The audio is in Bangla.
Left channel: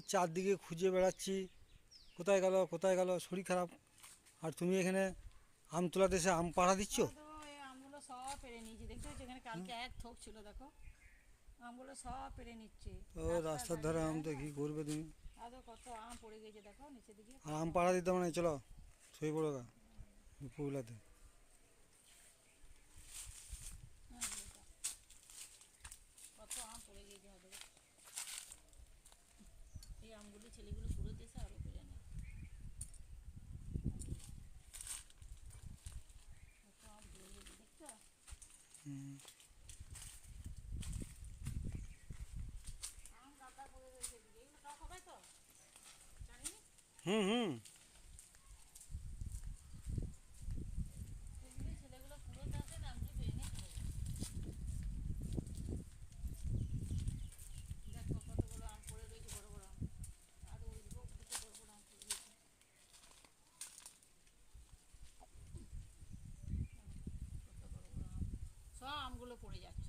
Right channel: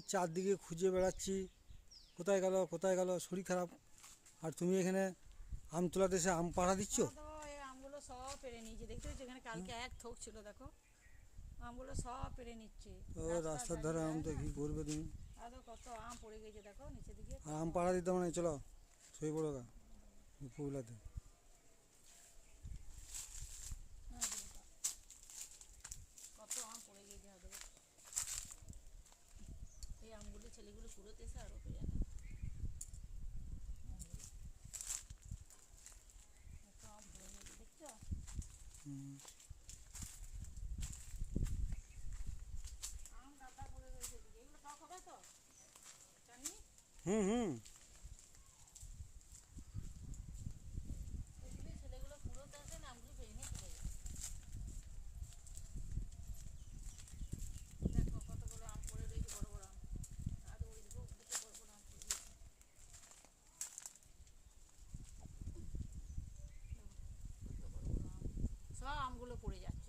চারদিকে খুঁজে বেড়াচ্ছি, কোথায় গেল কোথায় গেল, শরীর খারাপ। আর তুমি এখানে আম তোলাতে এসে আম পাড়া দিচ্ছ। তো এই আমগুলো সব পেরে নিয়েছি, দেখতে পাচ্ছি এখানে কালকে এক থোক ছিল, দেখো আমগুলো সব পেরে নিচ্ছে ও রাস্তার রাস্তার ধারে। ধারে আম হ্যাঁ তো কী করবে তুমি। এত কত আম পড়ে গেছে দেখো নিচের দিকে, আর কত আম আম। পাড়া দিতে মানে চলো শুয়ে পড়ো গা দুপুরবেলাতে। হ্যাঁ, কত আম পড়ে গেছে হবে। এই আমগুলি ছেলেগুলো কুড়োতে এসে আরও পেরে নেয়। কত আম পড়ে গেছে দেখছো। হুম আম গাদা পড়ে রয়েছে এদিকে, এগুলো টক হবে তো জানি। হুম হুম এগুলি ছেলেগুলো কুড়োতে আসে না, আমগুলি পেরে নিয়ে চলে যায়। দেখো কতগুলো আম পড়ে রয়েছে, বড় বড় আম। আর ওই দিকে বড় বড় আম পড়ে রয়েছে। কত বড় বড় আম, সব আমগুলো পড়ে যাচ্ছে।